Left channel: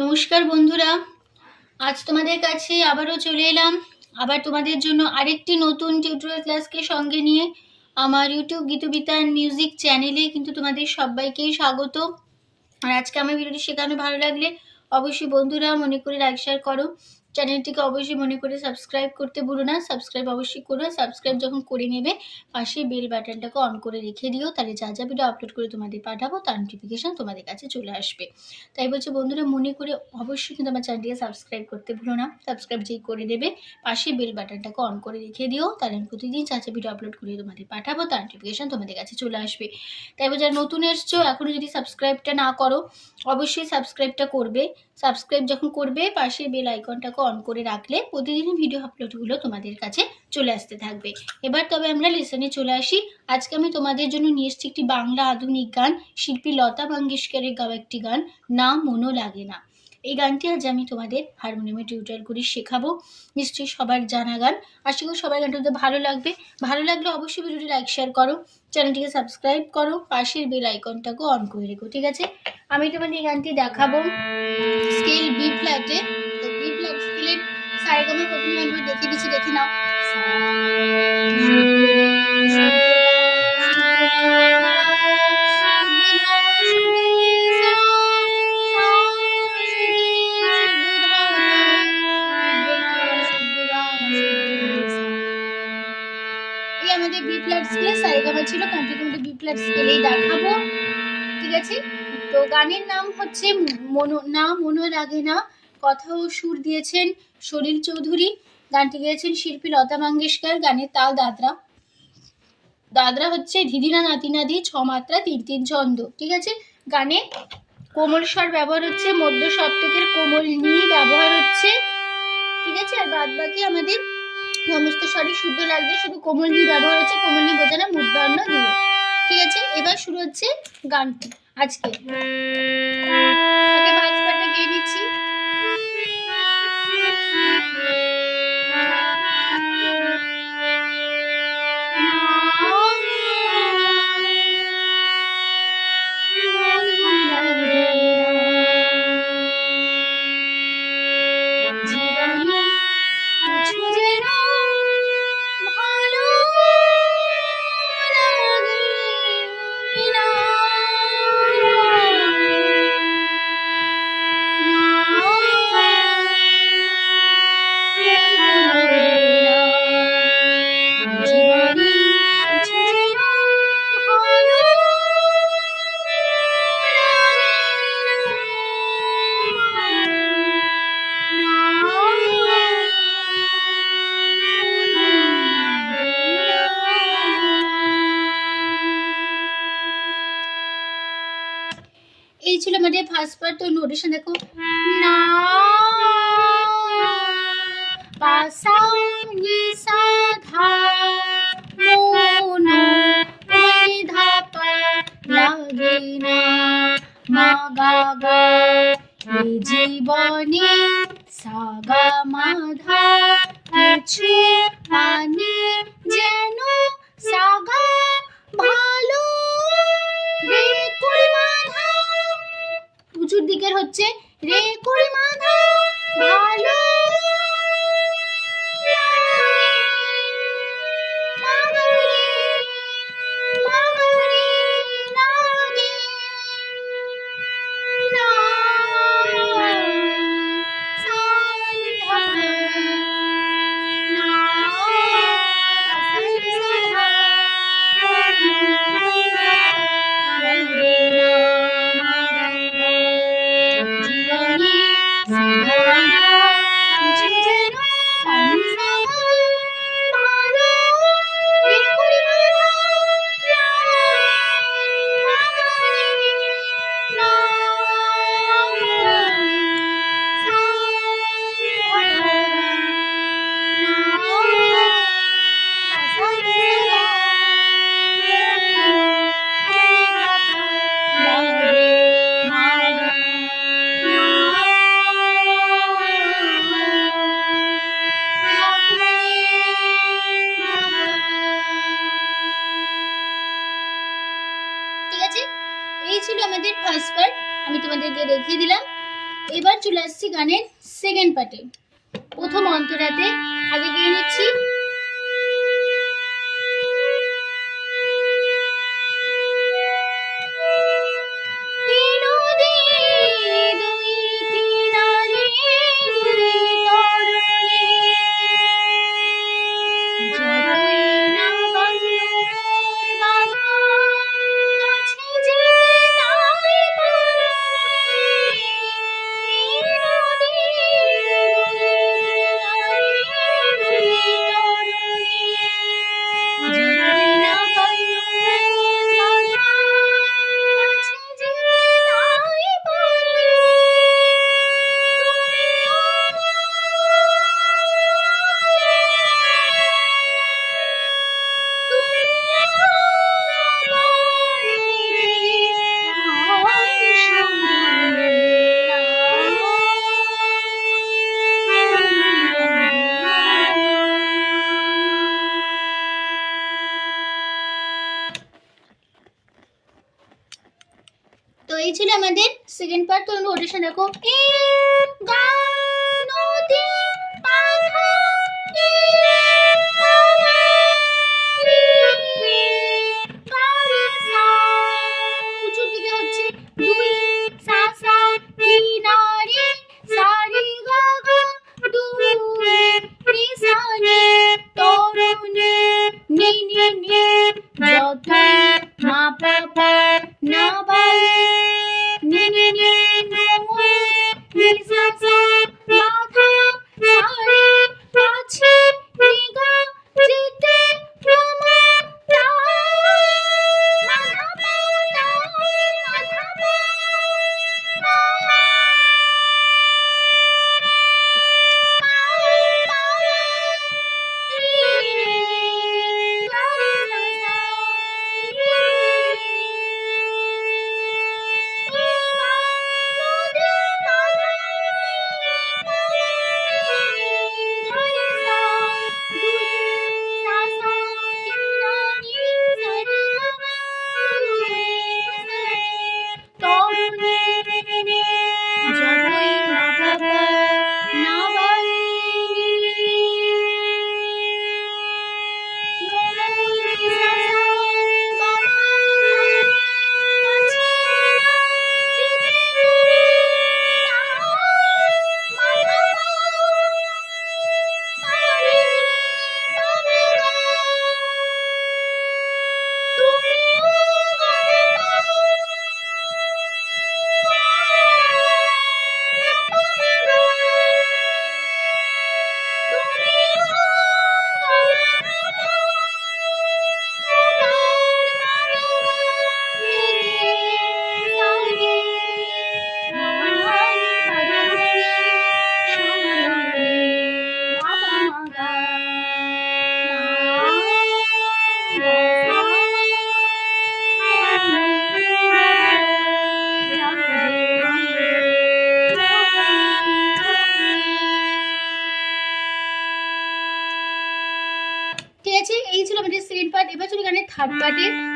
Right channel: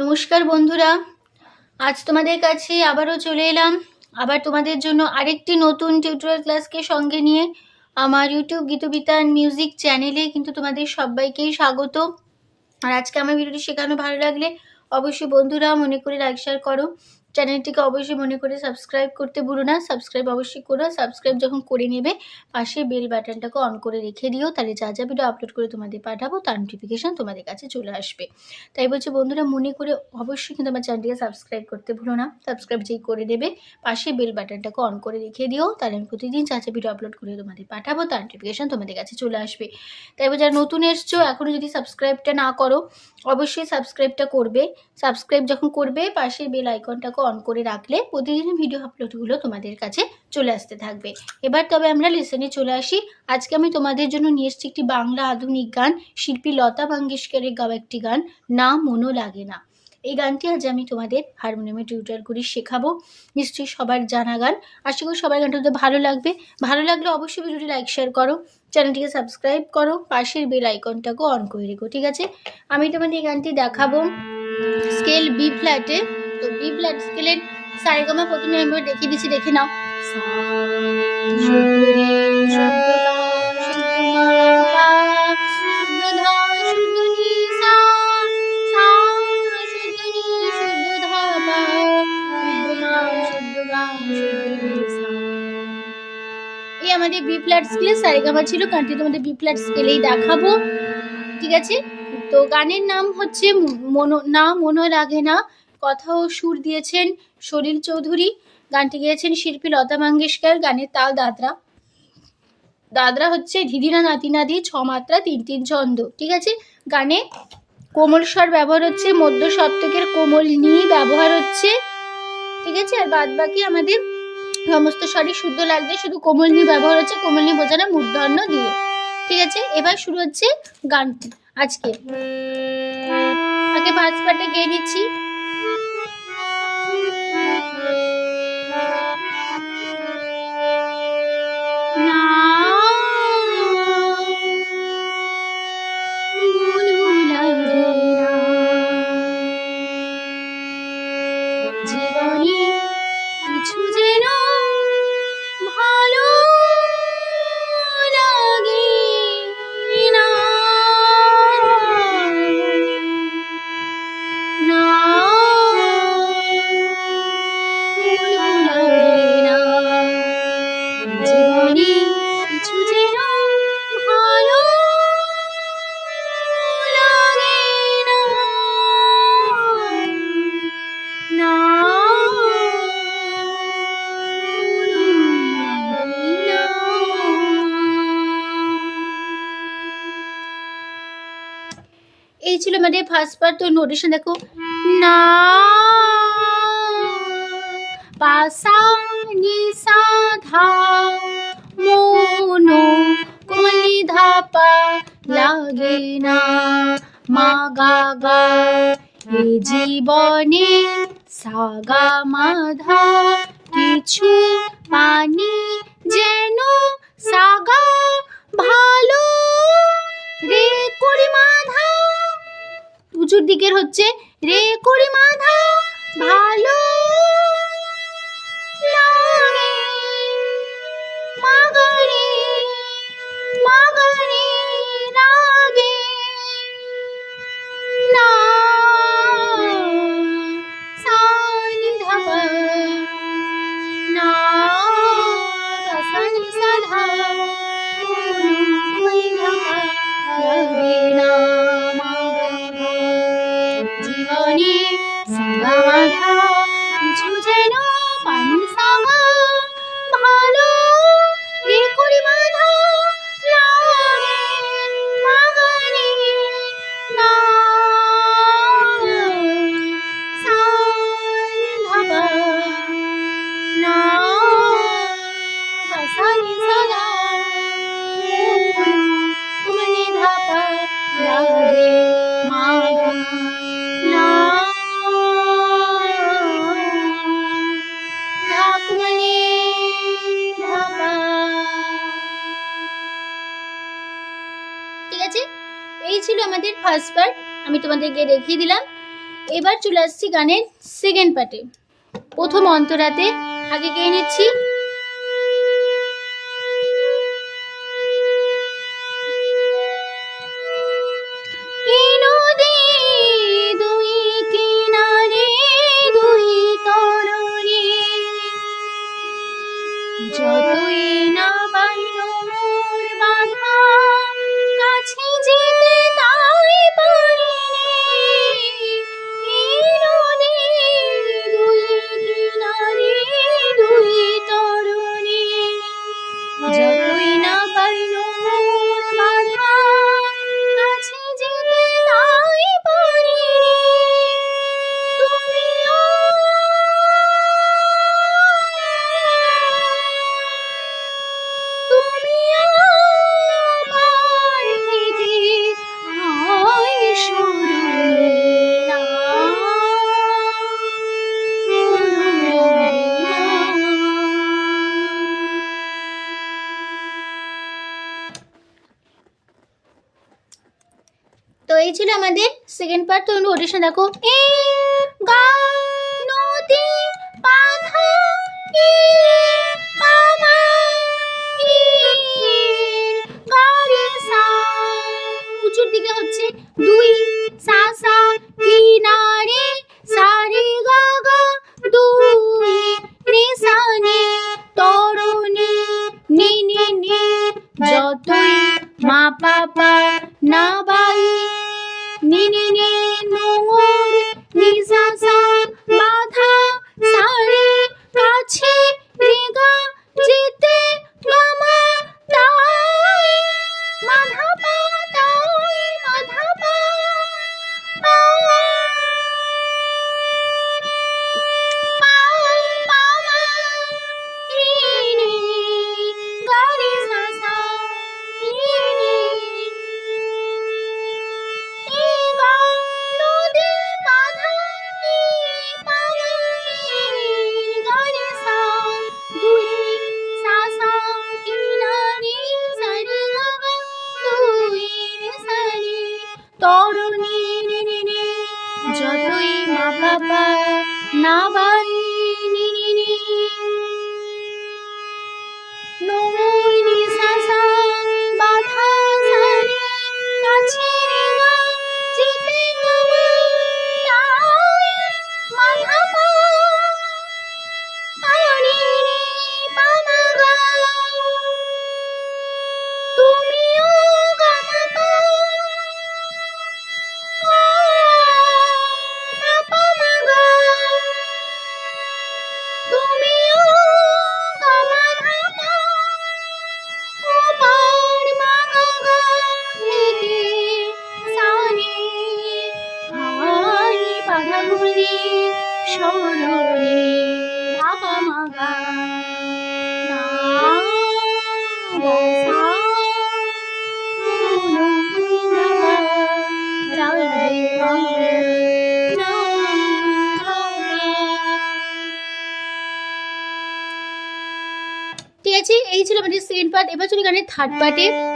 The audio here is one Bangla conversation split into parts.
নমস্কার বন্ধুরা। আজ তোমাদের কাছে আবারও চলে এলাম। আবার তোমাদের জন্য আরেকটি নতুন টিউটোরিয়াল ক্লাসকে সঙ্গে নিয়ে আমার ইউটিউব গীতবিতান মিউজিক চ্যানেলে কিন্তু তোমাদের সবাইকেই স্বাগত। আর আজকে আমার ভিডিওটি শেখানো ভালো লাগলে অবশ্যই বন্ধুরা মনে করে লাইক শেয়ার করো। চ্যানেলটিকে অবশ্যই মনে করে সাবস্ক্রাইব করতে ভুলো না। সাবস্ক্রাইব অবশ্যই করো। সাবস্ক্রাইব যখন করে নেবে, পাশে বেল বাটনটাকে অন করে রেখে দিও। তাহলে যা যা ভিডিও আপলোড করে তোমাদের পাঠাবো, তার নোটিফিকেশান তোমাদের কাছে চলে আসবে। তাই বলছি বন্ধুরা, মনে করে অবশ্যই কিন্তু আমার চ্যানেলটিকে সাবস্ক্রাইব করতে ভুলো না। সাবস্ক্রাইব যেই করে দেবে পাশে বেল বাটনটাকে অন করে রেখে দিও। তাহলে আমি প্রতিদিন যা যা ভিডিও আপলোড করে তোমাদের পাঠাবো, তার নোটিফিকেশান তোমাদের কাছে চলে আসবে। তাই যারা নতুন এসছো এখনও যদি সাবস্ক্রাইবটা না করো, অবশ্যই সাবস্ক্রাইবটা করবে। সাবস্ক্রাইব যখন করবে, পাশে বেল আইকনটাকে অন করে রাখলে প্রতিদিন ভিডিও আপলোডগুলো তোমাদের কাছে চলে আসতে থাকবে। এবার তবে আমরা লেসনে চলে আসি। আজকে আমি তোমাদের জন্য নিয়ে এসেছি একটি বাংলা আধুনিক গান, শিল্পী লতা মঙ্গেশকরের গাওয়া একটি গান, না মনও লাগে না। এই গানটি আজ আমি তোমাদের হারমোনিয়ামে টিউটার করে শেখাবো। নিশ্চয়ই সবার জানা গান। আশা করি সবার গানটা তোমাদের ভালো লাগবে। ভালো লাগলে অবশ্যই ভিডিওটি লাইক শেয়ার করো। চ্যানেলটিকে সাবস্ক্রাইব করো। পাশের বেল আইকনটাকেও অন করে রেখো, ঠিক আছে? আমি তোমাদের এই গানটি দেখাবো। স্কেল বি ফ্ল্যাটে তো বি ফ্ল্যাট স্কেলের সারেগামা প্রথমে আমি দেখিয়ে দিচ্ছি, দেখে নাও। আমাদের বি ফ্ল্যাট স্কেলে সারেগামা ছিল গানটি তোমাদের বি ফ্ল্যাট স্কেলেই দেখাবো। ঠিক আছে? তো গানের নাম হচ্ছে মনো, না মনো লাগে না কথা ও সুর দিয়েছেন সলিল চৌধুরী, গানটি গেয়েছেন শিল্পী লতা মঙ্গেশকর, গানের তাল দাদরা। দাদরা হচ্ছে ধিদিনা নাতি নাদি ছ মাত্রা, তিন তিন ছন্দ, ঠিক আছে? গানে কোমল স্বর ব্যবহার হচ্ছে, মধ্য সপ্তকের কোমল নিয়ে ব্যবহার হচ্ছে, ঠিক আছে? আর বাদ বাকি আমাদের সমস্ত স্বরই শুদ্ধ লাগছে, শুধু কোমল নিয়ে ব্যবহার হচ্ছে, কোমল নিয়ে বোঝানো মূর্ধন্য দিয়ে, ঠিক আছে? এবার শুরু হচ্ছে গানটি আজকে এই ছিল আমাদের ফার্স্ট পার্ট তো নোটেশন দেখো। না। পাসা নি সা ধা ধা পা লাগে না। মা গা জীবনে সাগা মাধা কিছু মানে চলে আসছি গানের সেকেন্ড পার্টে প্রথম অন্তরাতে আগে গিয়ে নিচ্ছি। আমাদের সেকেন্ড পার্ট তুমি নোটিশন দেখো। खटपटी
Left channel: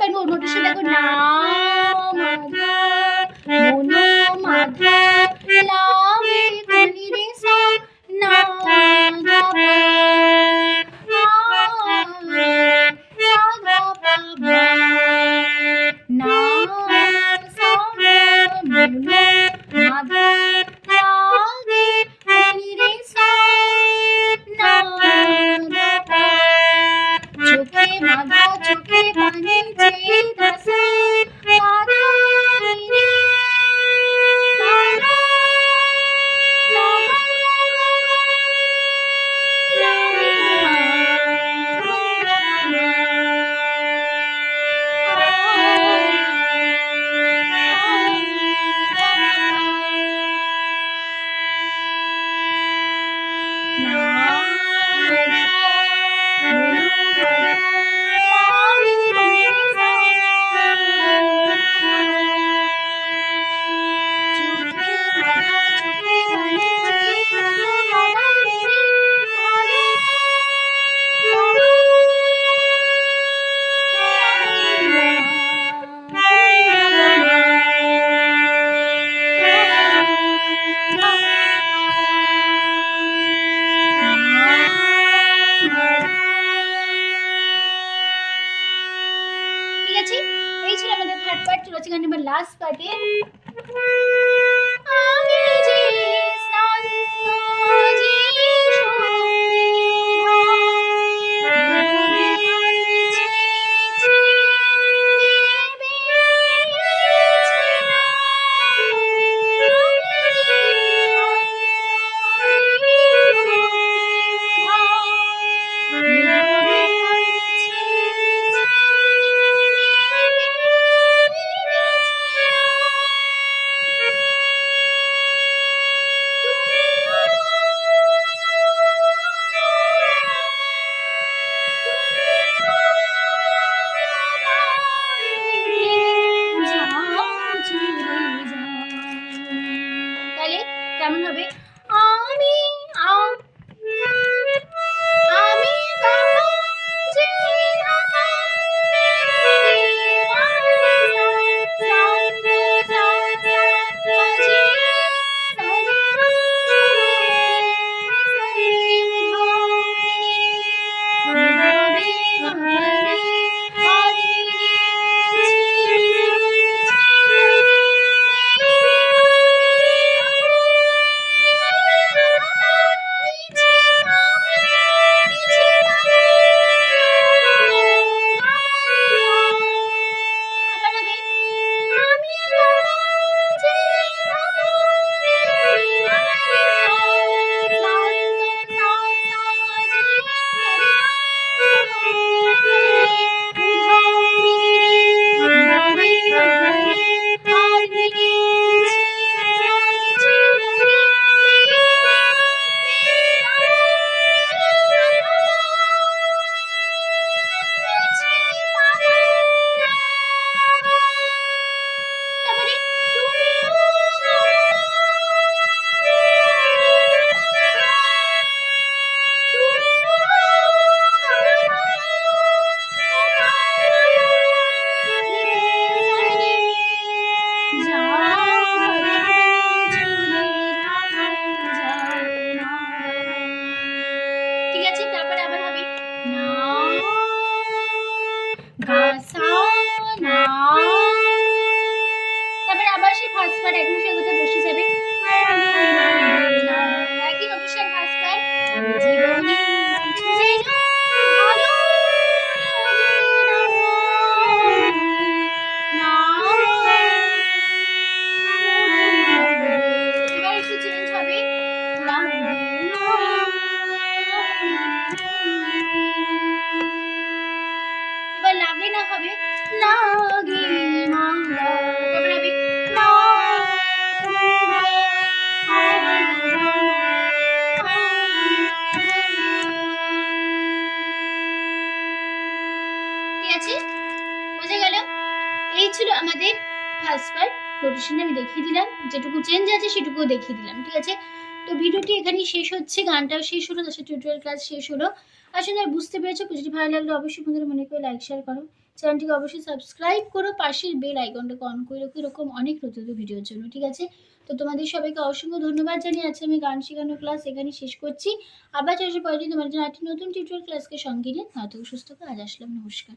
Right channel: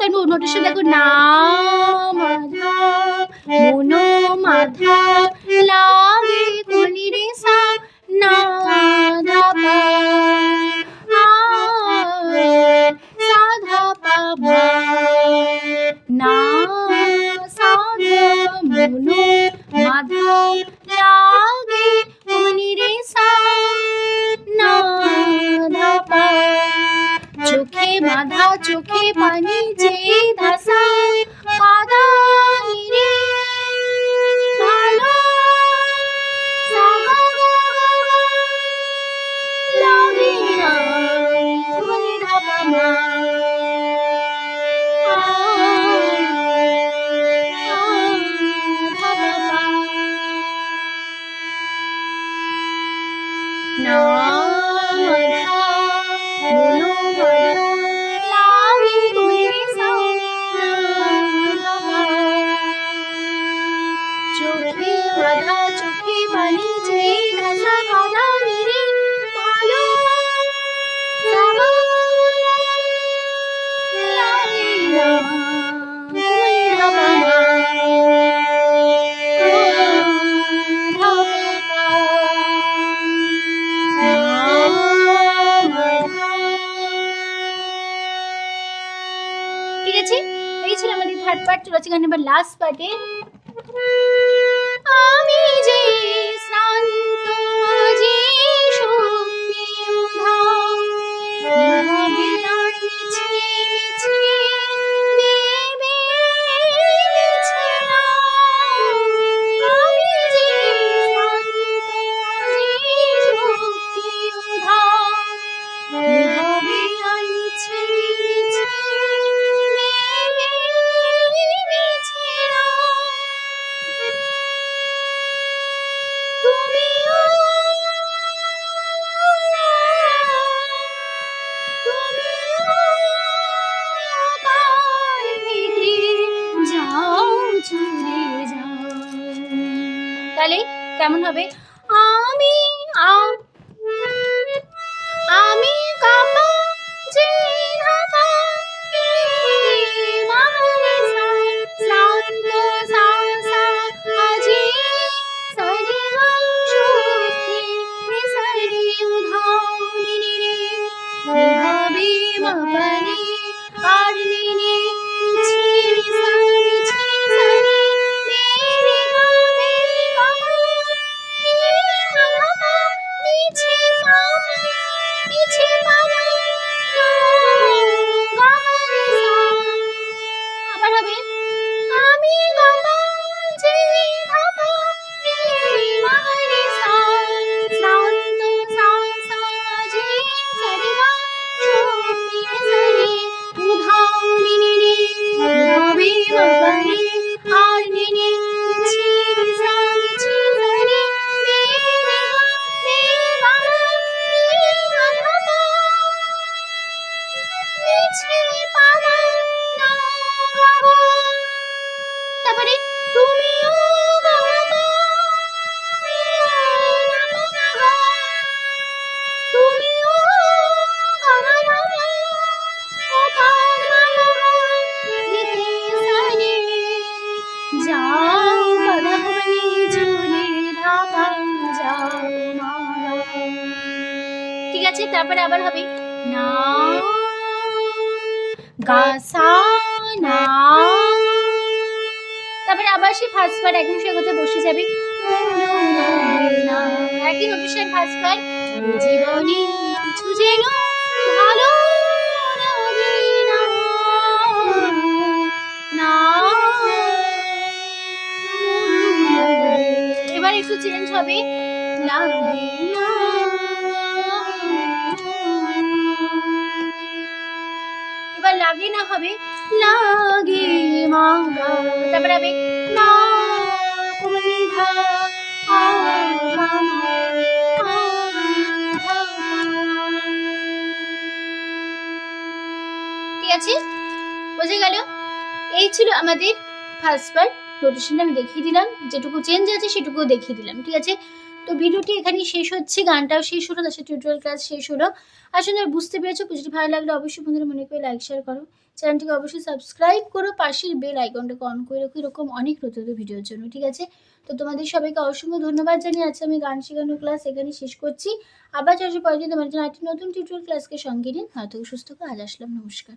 ตื่นูหนูดิฉันเลยกูนะ আছে তারপরে আবার হবে। তারপরে আবার সেই ফার্স্ট বার একদম সে কথা বসে যাবে। একটু চেঞ্জ হবে। না। বার নোটিশনটা আমি দেখিয়ে দিলাম। যেটুকু চেঞ্জ আছে সেটুকু দেখিয়ে দিলাম, ঠিক আছে? তো ভিডিওটি এখানেই শেষ হচ্ছে, গানটাও শেষ হলো, তার টিউটোরিয়াল ক্লাস শেষ হলো। আসলে বুঝতে পেরেছ যদি ভালো লাগলে অবশ্যই বন্ধুরা মনে করে লাইক শেয়ার করো। চ্যানেলটিকে অবশ্যই সাবস্ক্রাইব করো, পাশের বেল আইকনটাকে অন করে রাখো, এরকম অনেক নতুন ভিডিওর জন্য, ঠিক আছে? তো তোমাদের সবাইকে অসংখ্য ধন্যবাদ জানিয়ে আজকে আমি গান শেখানোর ক্লাস এখানে শেষ করছি। আবার চাষে পরে তোমার জন্য একটি নতুন টিউটোরিয়াল ক্লাসকে সঙ্গে নিয়ে নয়তো সুস্থ করে আজ আসলাম, নমস্কার।